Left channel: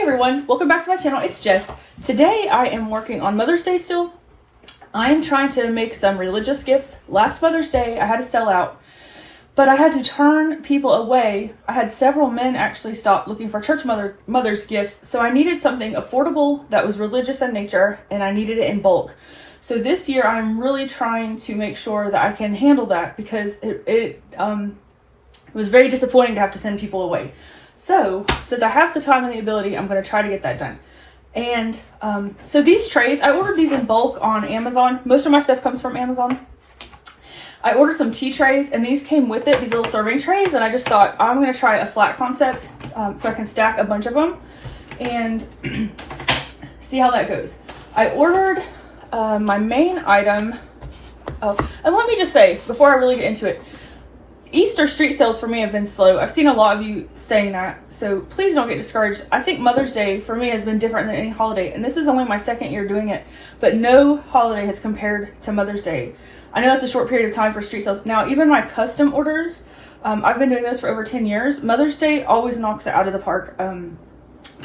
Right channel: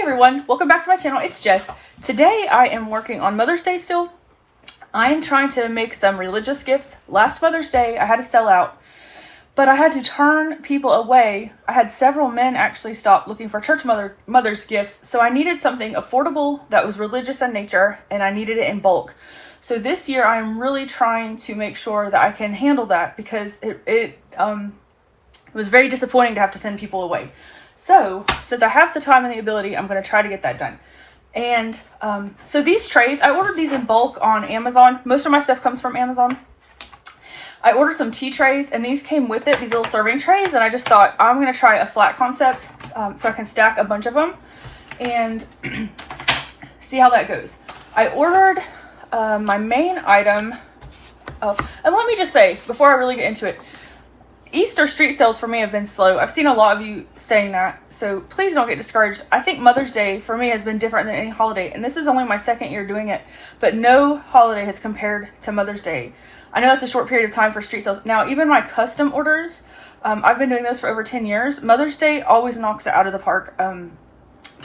everyone, welcome back to my channel. It's Jess. Today I am working on Mother's Day still. I am trying to make some religious gifts. Last Mother's Day I had to sell out, but I had to turn people away. I had several men actually stop looking for church mother's gifts, so I needed something affordable that was religious in nature, and I needed it in bulk. So this year I'm really trying to make sure that I can handle that, because it was very disappointing to have to send people away. So since I have the time and the ability, I'm going to try to get that done. And so these trays, I ordered these in bulk on Amazon. Most of my stuff comes from Amazon. I ordered some tea trays, and these came with it, these little serving trays, and I just thought I'm going to try a flat concept so I can stack a bunch of them and see how that goes. I ordered my main item. Oh, and let me just say, before I really get into it, Easter street sales for me have been slow. I've seen a lot of you saying that, so please don't get discouraged. I think Mother's Day for me has been different than any holiday, and this is only my second year doing it, but no holiday has compared to Mother's Day. I know that's a short period of time for street sales. Now, even my custom orders, I've been doing those for over 10 years. Mother's Day always knocks it out of the park.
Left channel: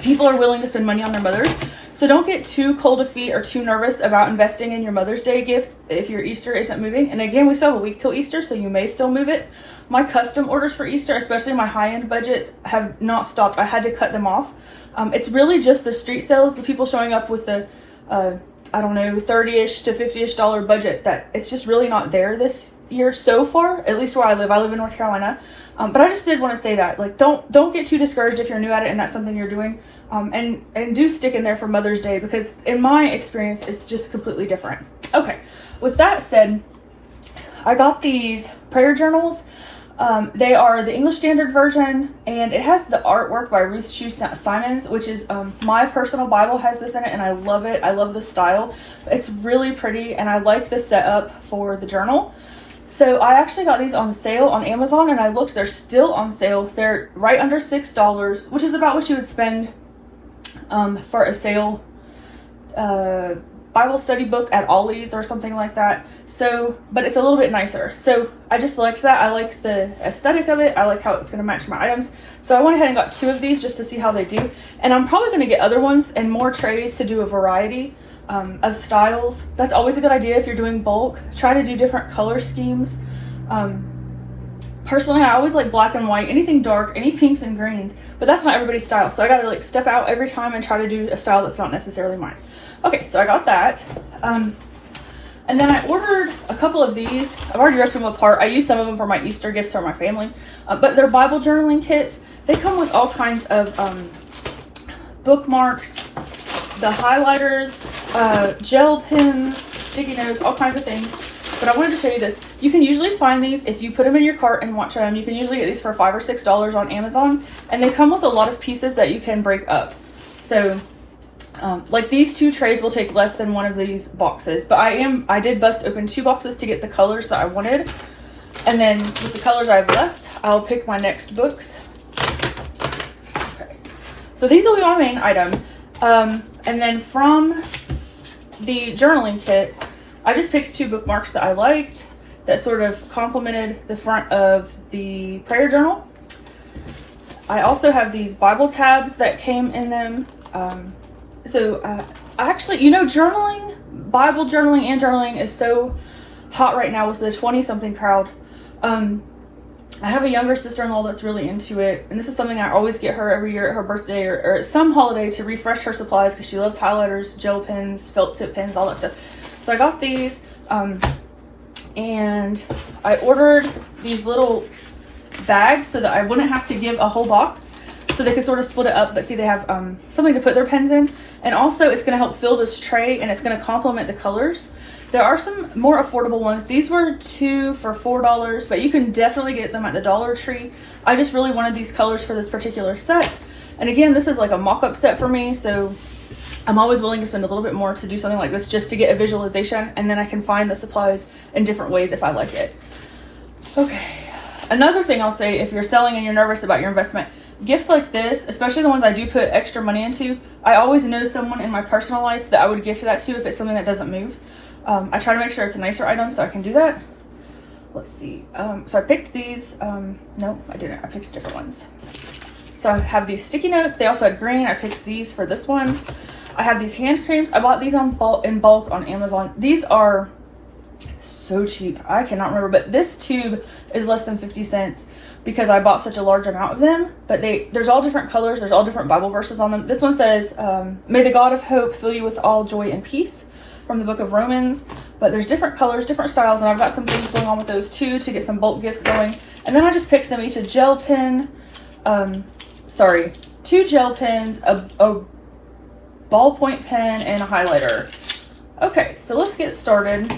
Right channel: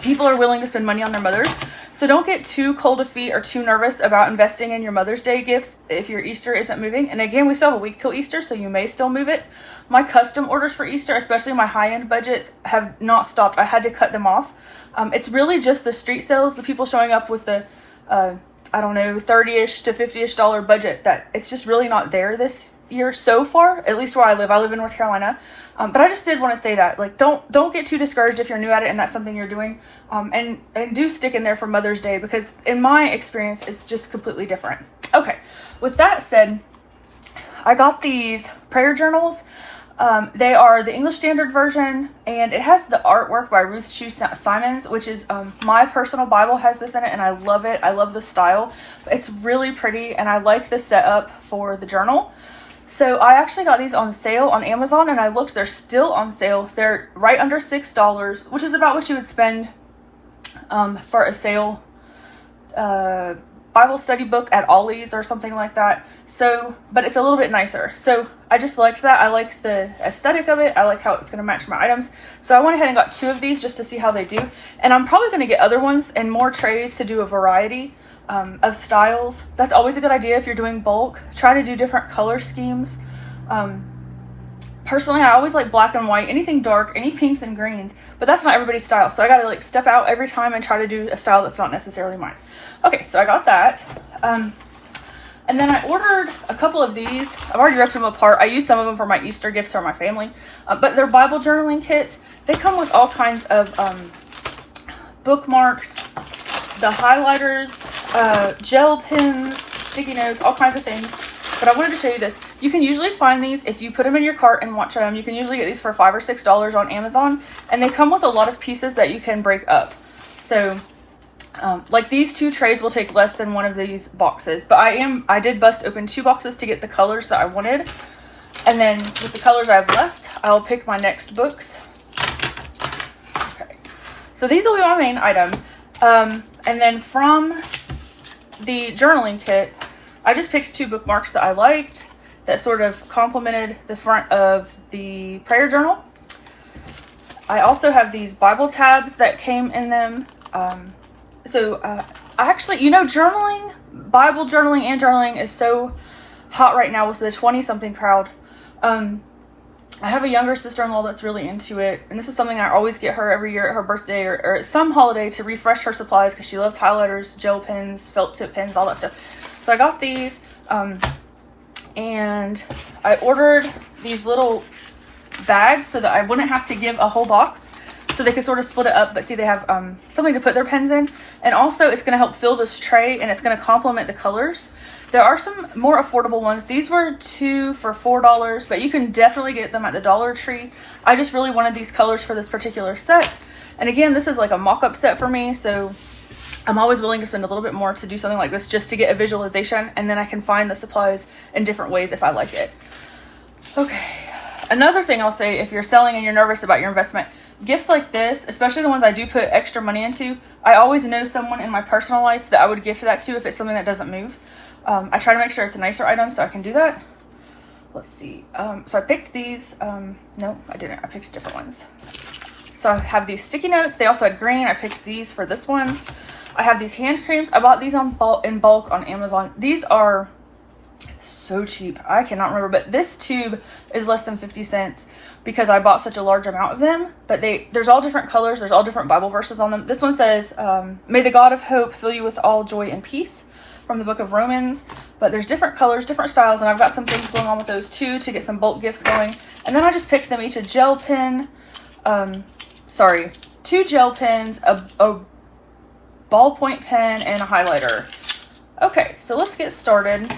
People are willing to spend money on their mothers, so don't get too cold of feet or too nervous about investing in your Mother's Day gifts if your Easter isn't moving. And again, we still have a week till Easter, so you may still move it. My custom orders for Easter, especially my high-end budgets, have not stopped. I had to cut them off. It's really just the street sales, the people showing up with the I don't know, 30-ish to 50-ish dollar budget, that it's just really not there this year so far, at least where I live. I live in North Carolina. But I just did want to say that, like, don't get too discouraged if you're new at it and that's something you're doing. And do stick in there for Mother's Day, because in my experience, it's just completely different. Okay, with that said, I got these prayer journals. They are the English Standard Version, and it has the artwork by Ruth Shue Simons, which is my personal Bible has this in it, and I love it. I love the style. It's really pretty, and I like the setup for the journal. So I actually got these on sale on Amazon, and I looked, they're still on sale. They're right under $6, which is about what you would spend for a sale Bible study book at Ollie's or something like that. So, but it's a little bit nicer. So I just liked that. I like the aesthetic of it. I like how it's going to match my items. So I went ahead and got 2 of these just to see how they do. And I'm probably going to get other ones and more trays to do a variety of styles. That's always a good idea if you're doing bulk. Try to do different color schemes. Personally, I always like black and white, anything dark, any pinks and greens, but that's not everybody's style. So I got to like step out every time and try to do a style that's not necessarily mine. Okay, so I got that. And then I ordered a couple of these. I've already ripped them apart. I used some of them for my Easter gifts for my family, but they're Bible journaling kits. They come with all kinds of bookmarks, the highlighters, gel pens, sticky notes, all kinds of things. But I wanted to show you this. You can usually find these if you put them in your cart and watch them. You can usually get these for $5 or $6 on Amazon, and they come with a lot of pieces that you can break up. So like these 2 trays will take less than one of these boxes, but I did bust open 2 boxes to get the colors that I wanted. And then with the colors I've left, I'll pick my next books. Okay, so these will be my main item. And then from the journaling kit, I just picked 2 bookmarks that I liked that sort of complemented the front of the prayer journal. I also have these Bible tabs that came in them. I actually, you know, journaling, Bible journaling and journaling is so hot right now with the 20-something crowd. I have a younger sister-in-law that's really into it, and this is something I always get her every year at her birthday or at some holiday to refresh her supplies, because she loves highlighters, gel pens, felt tip pens, all that stuff. So I got these, and I ordered these little bags so that I wouldn't have to give a whole box, so they could sort of split it up, but see, they have something to put their pens in. And also it's going to help fill this tray, and it's going to complement the colors. There are some more affordable ones. These were 2 for $4, but you can definitely get them at the Dollar Tree. I just really wanted these colors for this particular set. And again, this is like a mock-up set for me, so I'm always willing to spend a little bit more to do something like this just to get a visualization, and then I can find the supplies in different ways if I like it. Okay, another thing I'll say, if you're selling and you're nervous about your investment, gifts like this, especially the ones I do put extra money into, I always know someone in my personal life that I would gift that to if it's something that doesn't move. I try to make sure it's a nicer item so I can do that. Let's see. So I picked these. No, I didn't. I picked different ones. So I have these sticky notes. They also had green. I picked these for this one. I have these hand creams. I bought these in bulk on Amazon. These are so cheap. I cannot remember, but this tube is less than 50 cents because I bought such a large amount of them. But there's all different colors. There's all different Bible verses on them. This one says, may the God of hope fill you with all joy and peace, from the book of Romans. But there's different colors, different styles, and I've got some things going on with those too to get some bulk gifts going. And then I just picked them each a gel pen, 2 gel pens, a ballpoint pen, and a highlighter. Okay, so let's get started.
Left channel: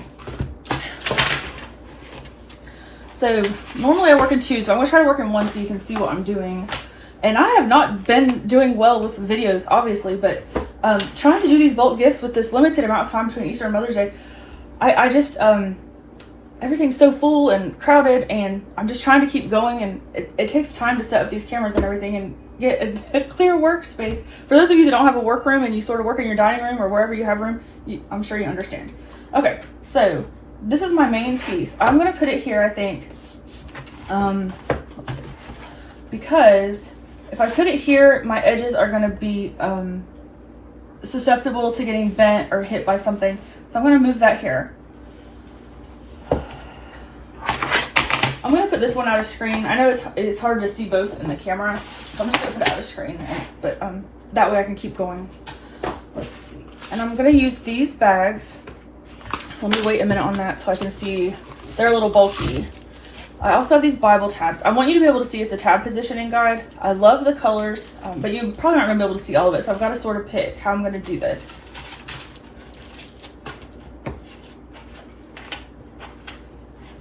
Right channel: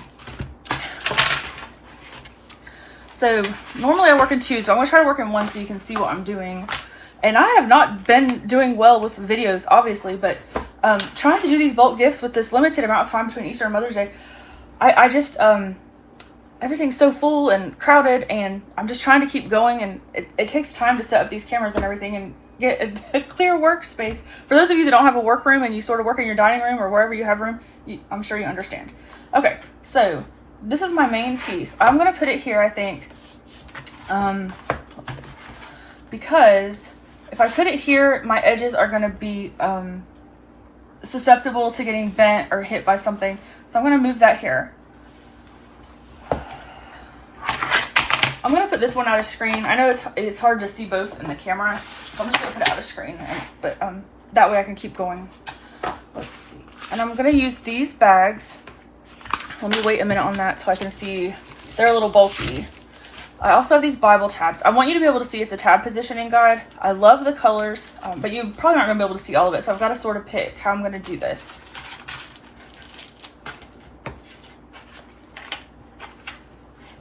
So normally I work in 2, so I'm gonna try to work in 1 so you can see what I'm doing. And I have not been doing well with videos, obviously, but trying to do these bulk gifts with this limited amount of time between Easter and Mother's Day, I just, everything's so full and crowded, and I'm just trying to keep going, and it takes time to set up these cameras and everything and get a clear workspace. For those of you that don't have a workroom and you sort of work in your dining room or wherever you have room, I'm sure you understand. Okay, so this is my main piece. I'm gonna put it here, I think, let's see, because if I put it here, my edges are gonna be susceptible to getting bent or hit by something. So I'm gonna move that here. I'm gonna put this one out of screen. I know it's hard to see both in the camera, so I'm just gonna put it out of screen, but that way I can keep going. Let's see. And I'm gonna use these bags. Let me wait a minute on that so I can see. They're a little bulky. I also have these Bible tabs. I want you to be able to see it's a tab positioning guide. I love the colors, but you're probably not gonna be able to see all of it, so I've got to sort of pick how I'm gonna do this.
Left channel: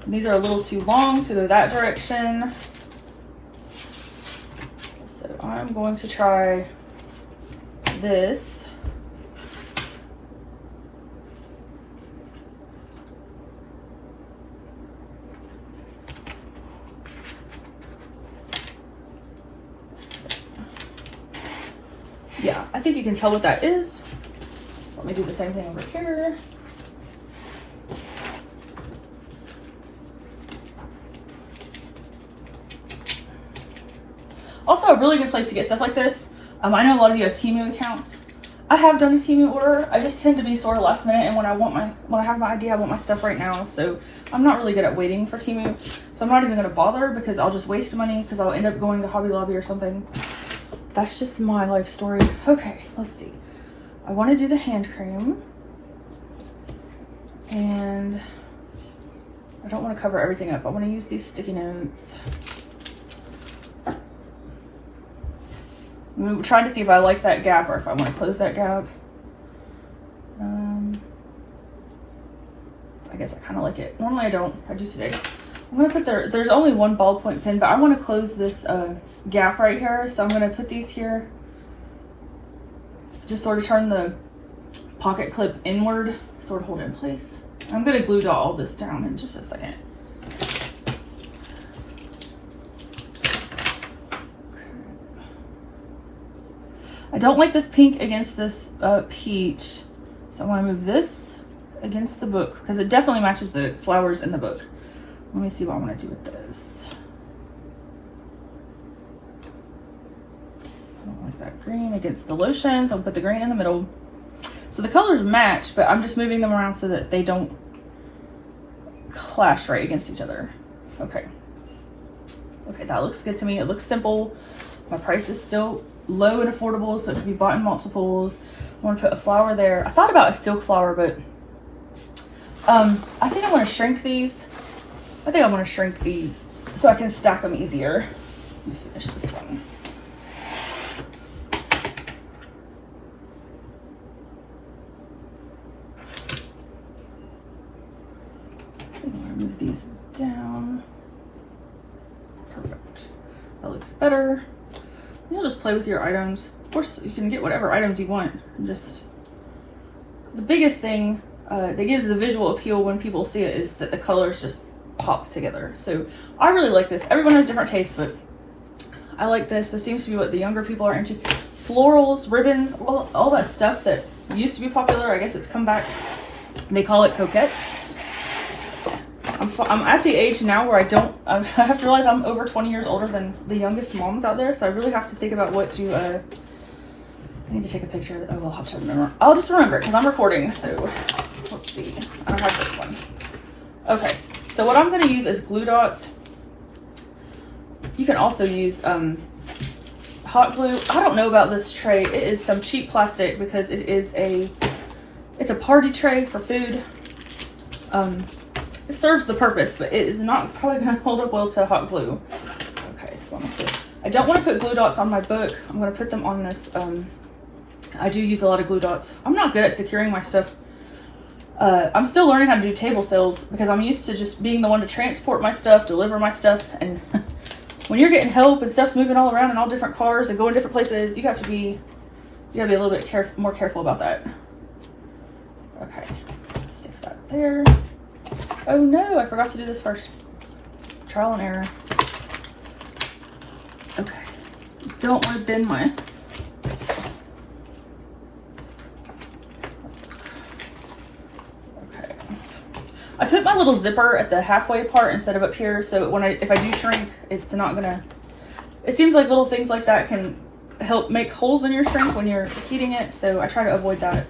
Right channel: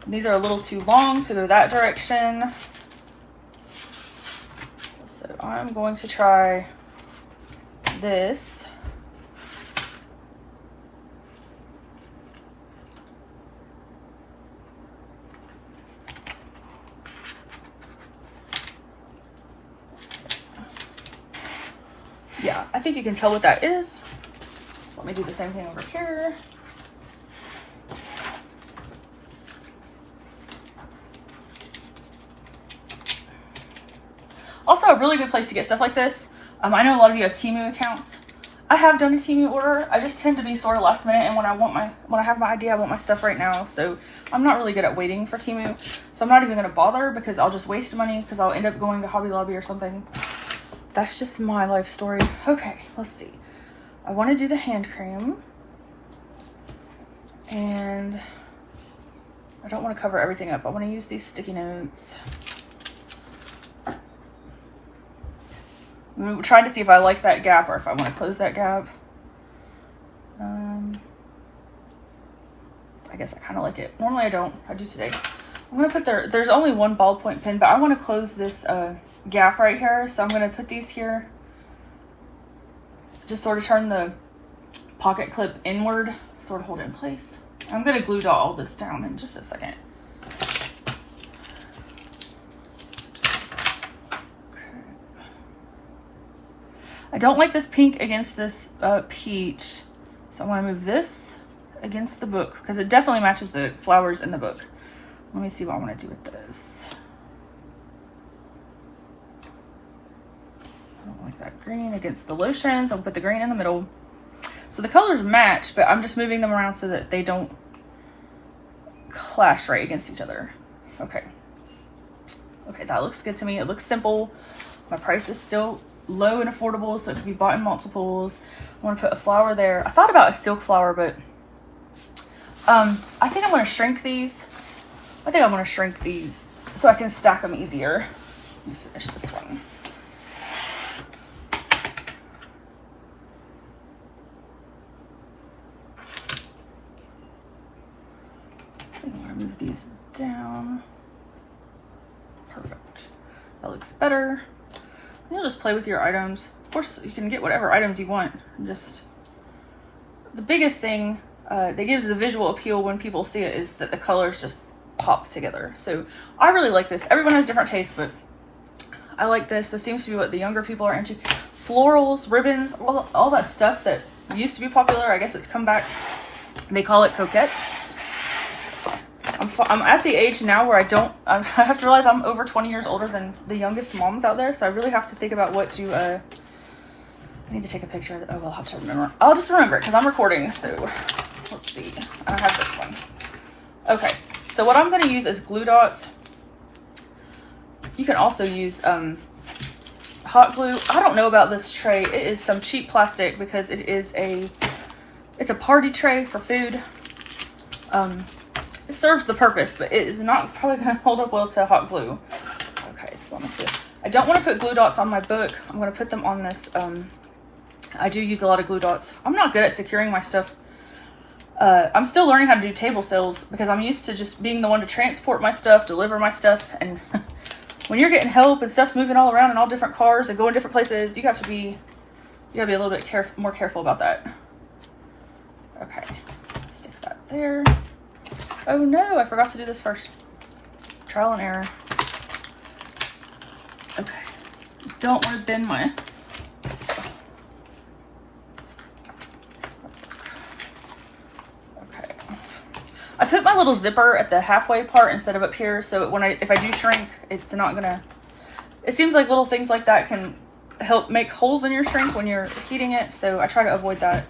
These are a little too long, so go that direction. So I'm going to try this. Yeah, I think you can tell what that is. So let me do the same thing over here. Also, a really good place to get stuff like this. I know a lot of you have Temu accounts. I have done a Temu order. I just tend to be sort of last minute, and when I have my idea, I want my stuff right now. So I'm not really good at waiting for Temu. So I'm not even gonna bother because I'll just waste money because I'll end up going to Hobby Lobby or something. That's just my life story. Okay, let's see. I want to do the hand cream, and I don't want to cover everything up. I want to use these sticky notes. I'm trying to see if I like that gap or if I want to close that gap. I guess I kind of like it. Normally I don't. I do today. I'm going to put there's only 1 ballpoint pen, but I want to close this gap right here. So I'm going to put these here. Just sort of turn the pocket clip inward, sort of hold it in place. I'm going to glue dot all this down in just a second. I don't like this pink against this peach, so I want to move this against the book because it definitely matches the flowers in the book. Let me see what I want to do with this. I don't like that green against the lotions. I'll put the green in the middle. So the colors match, but I'm just moving them around so that they don't clash right against each other. Okay. Okay, that looks good to me. It looks simple. My price is still low and affordable, so it can be bought in multiples. I want to put a flower there. I thought about a silk flower, but I think I'm going to shrink these. I think I'm going to shrink these so I can stack them easier. Let me finish this one. I'm going to move these down. Perfect. That looks better. You'll just play with your items. Of course, you can get whatever items you want. Just the biggest thing that gives the visual appeal when people see it is that the colors just pop together. So I really like this. Everyone has different tastes, but I like this. This seems to be what the younger people are into. Florals, ribbons, all that stuff that used to be popular. I guess it's come back. They call it coquette. I'm I'm at the age now where I have to realize I'm over 20 years older than the youngest moms out there. So I really have to think about what to, I need to take a picture of it. Oh, I'll have to remember. I'll just remember it because I'm recording. So let's see. I have this one. Okay. So what I'm going to use is glue dots. You can also use hot glue. I don't know about this tray. It is some cheap plastic because it's a party tray for food. It serves the purpose, but it is not probably going to hold up well to hot glue. Okay, so let me see. I don't want to put glue dots on my book. I'm going to put them on this. I do use a lot of glue dots. I'm not good at securing my stuff. I'm still learning how to do table sales because I'm used to just being the one to transport my stuff, deliver my stuff, and when you're getting help and stuff's moving all around in all different cars and going different places, you gotta be a little bit more careful about that. Okay, stick that there. Oh no, I forgot to do this first. Trial and error. Okay, don't want to bend my. I put my little zipper at the halfway part instead of up here, so if I do shrink, it's not gonna, it seems like little things like that can help make holes in your shrink when you're heating it, so I try to avoid that.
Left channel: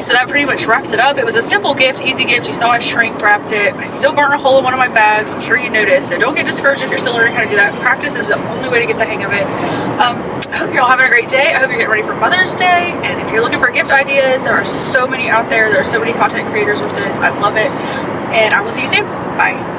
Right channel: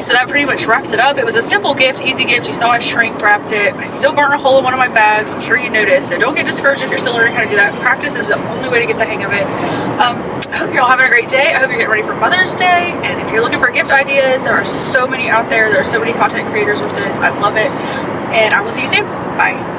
So that pretty much wraps it up. It was a simple gift, easy gift. You saw I shrink wrapped it. I still burnt a hole in one of my bags. I'm sure you noticed. So don't get discouraged if you're still learning how to do that. Practice is the only way to get the hang of it. I hope you're all having a great day. I hope you're getting ready for Mother's Day. And if you're looking for gift ideas, there are so many out there. There are so many content creators with this. I love it. And I will see you soon. Bye.